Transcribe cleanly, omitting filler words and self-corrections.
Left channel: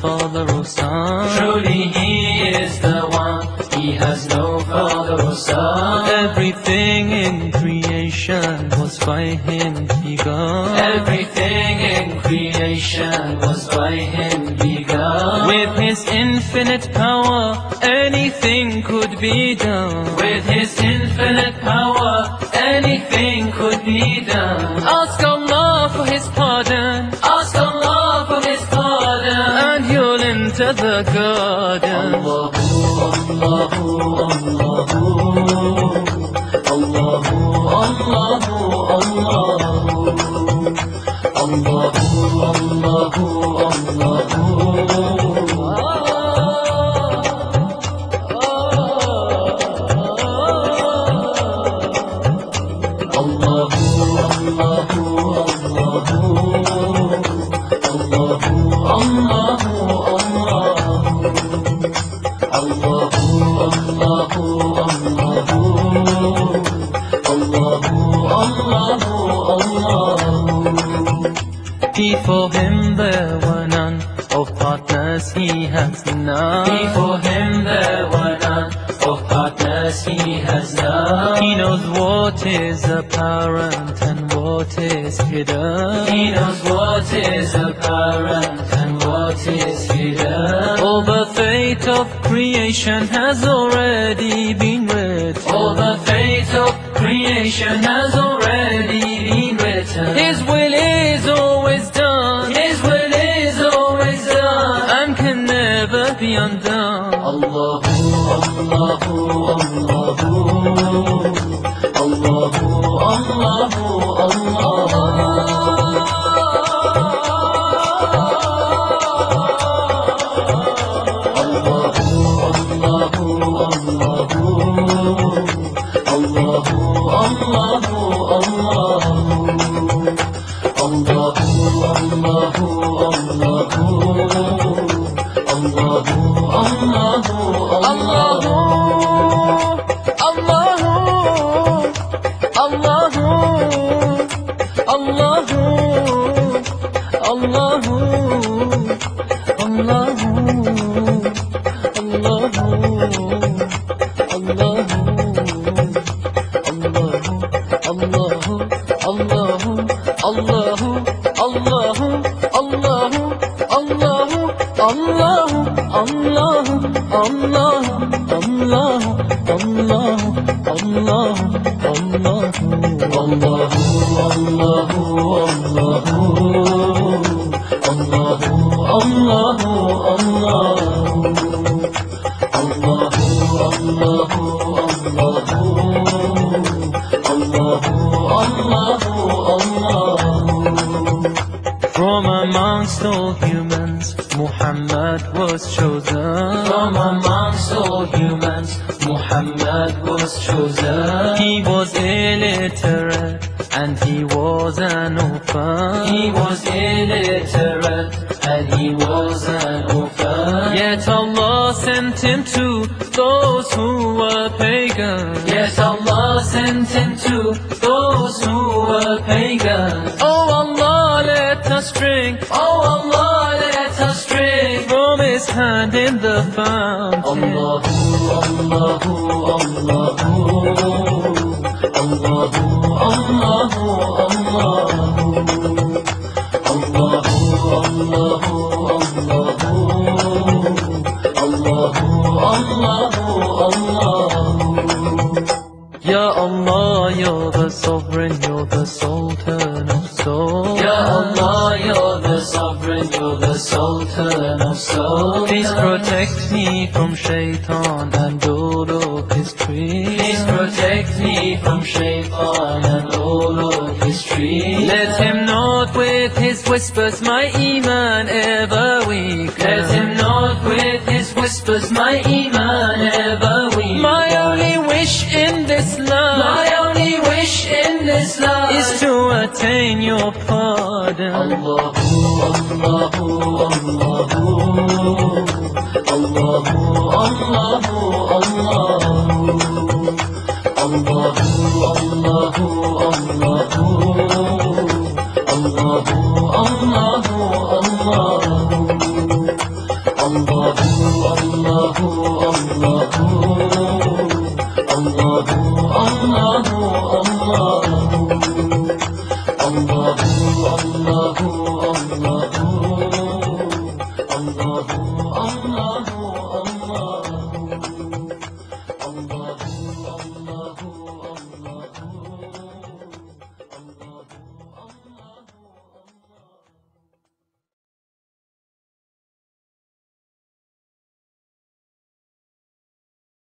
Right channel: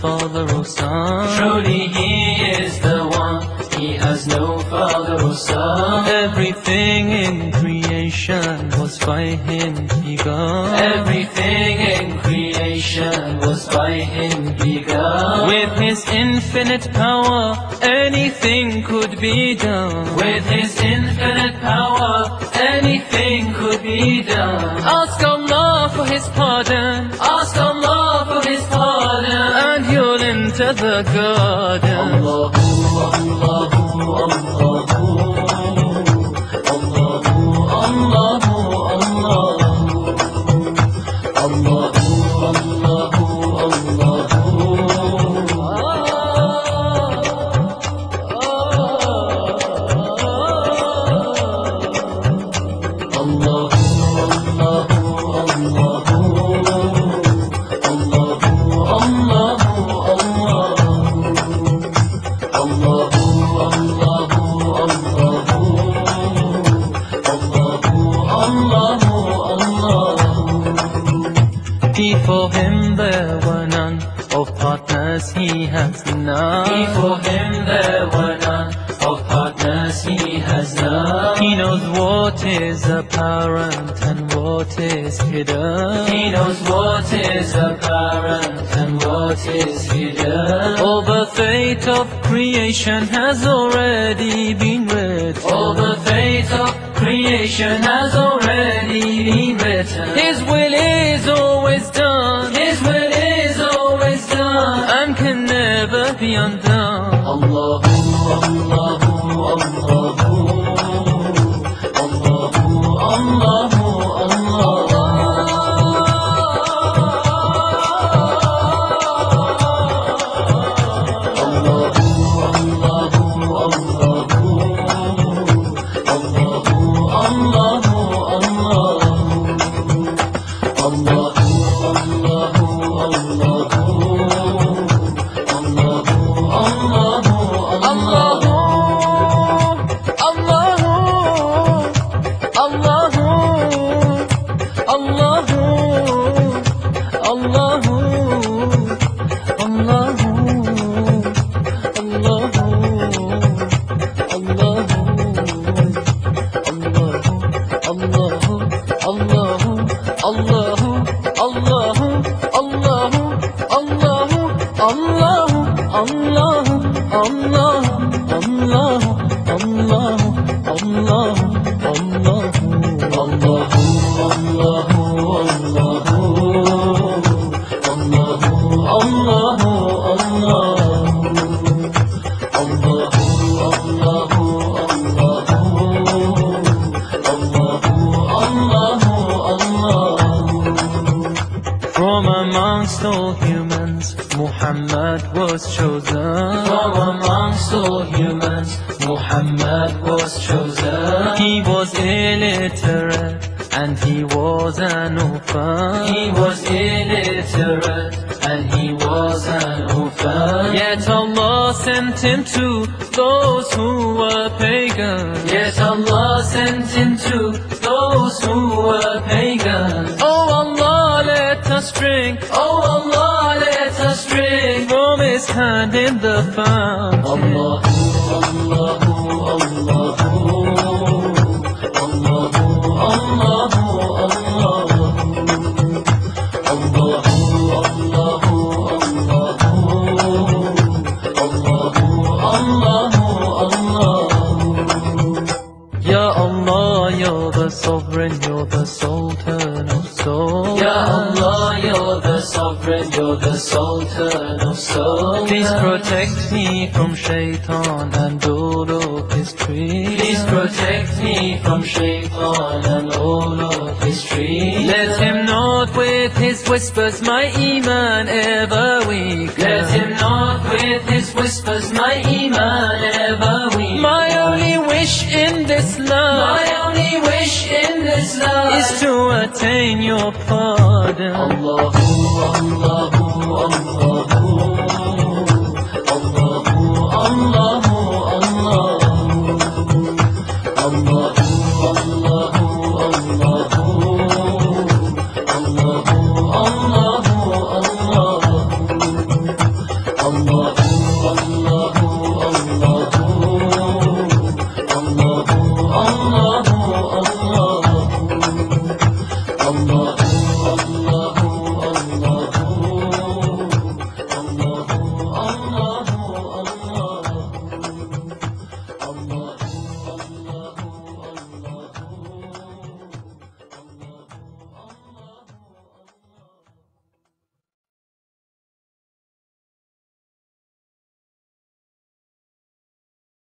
father or son. Truly He is the one, He has no father or son. Everything in creation was by Him begun. Everything in creation was by Him begun. With His infinite power, anything could be done. With His infinite power, anything could be done. Ask Allah for His pardon, Ask Allah for His pardon, and you'll enter the garden. Allahu, Allahu, Allahu, Allahu, Allahu, Allahu, Before Him there were none, of partners He has none. Before Him there were none, of partners He has none. He knows what is apparent and what is hidden. He knows what is apparent and what is hidden. All the fate of creation has already been written. All the fate of creation has already been written. His will is always done, His will is always done, and can never be undone. Allahu, Allahu, Allahu, Allahu, Allahu, From amongst all humans, Muhammad was chosen. From amongst all humans, Muhammad was chosen. He was illiterate and he was an orphan. He was illiterate and he was an orphan. Yet Allah sent him to those who were pagan. Yet Allah sent him to those who were pagan. Oh Allah, let us drink. Oh Allah, let us drink From His hand in the fountain. Allahu, Allahu, Allahu, Allahu, Ya Allah, you're the sovereign, you're the sultan of souls. Ya Allah, you're the sovereign, you're the sultan of souls. Please protect me from shaitan and all of his trees. Please protect me from shaitan and all of his trees. Let him not with his whispers my iman ever weaken. Let him not with his whispers my iman ever weaken. My only wish in this life, my only wish in this life is to attain your pardon. Allahu, Allahu,